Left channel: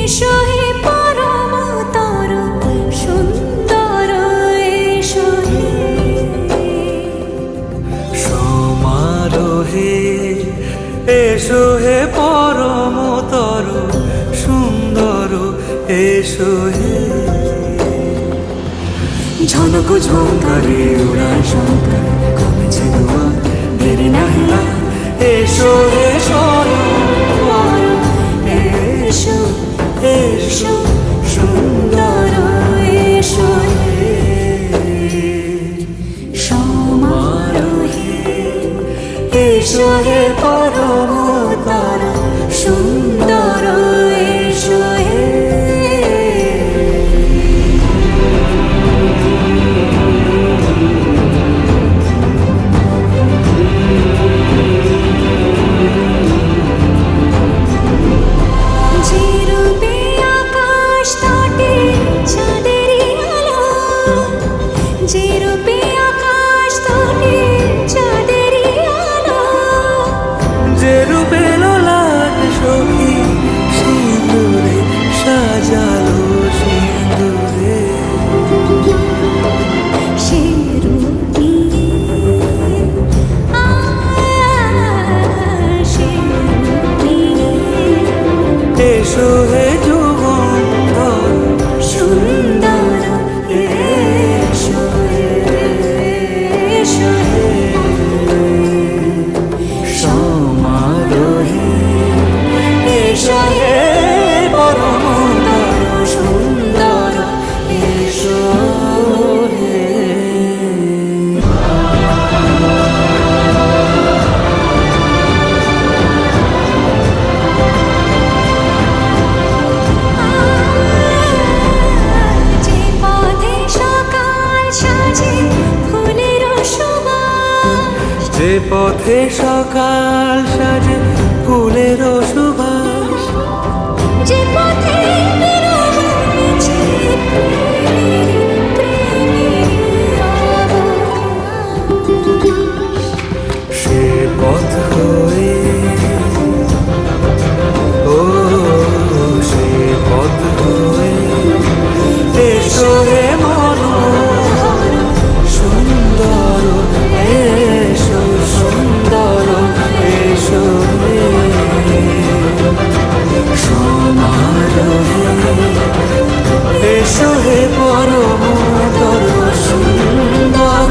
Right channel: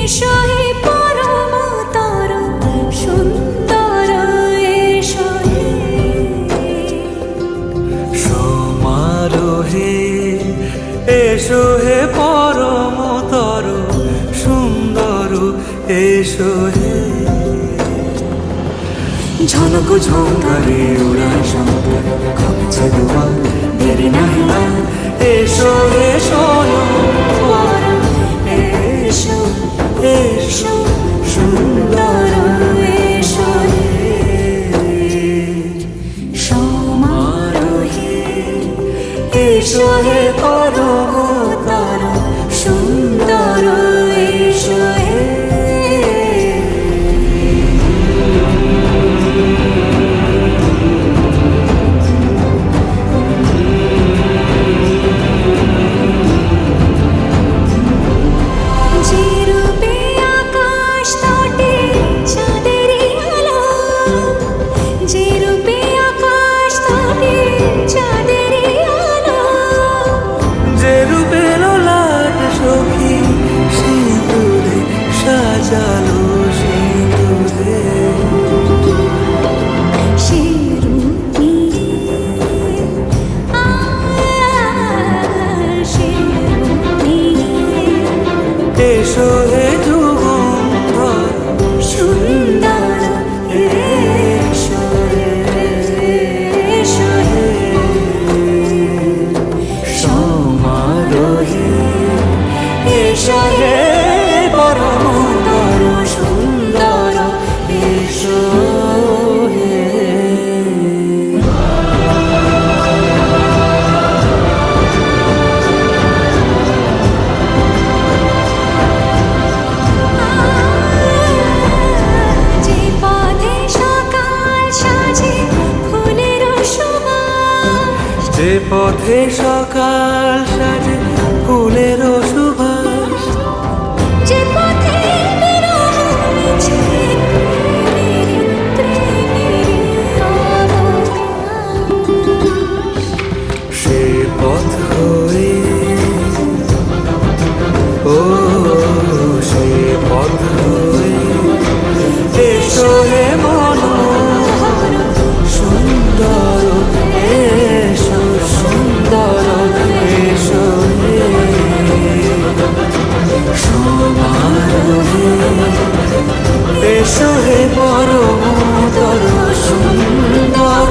এসো হে পরমতর সুন্দর এসো হে সমারোহে এসো হে পরমতর সুন্দর এসো হে ঝনক ঝঙ্কারে উড়ায় শঙ্কার কমেছে তোমার দেরি নাহি আর এসো এসো পরম এ এসো সুন্দর এসো সমারোহে এসো হে পরমতর আকাশ তটে চাঁদেরই আলো। যে রূপে লাট সখী সিঁদুরে সাজালো সিঁদুরে। এসো হে যুগন্ধর এসো হে পরমতর সুন্দর এসো হে। যে পথে সকাল সাজে ফুলের সুবাস। যে পথে সে পথ হয়ে ও সে পথ হয়ে এসো হে মনোহর সুন্দর এসো সুন্দর এসো হে এসো হে পরমতর সুন্দর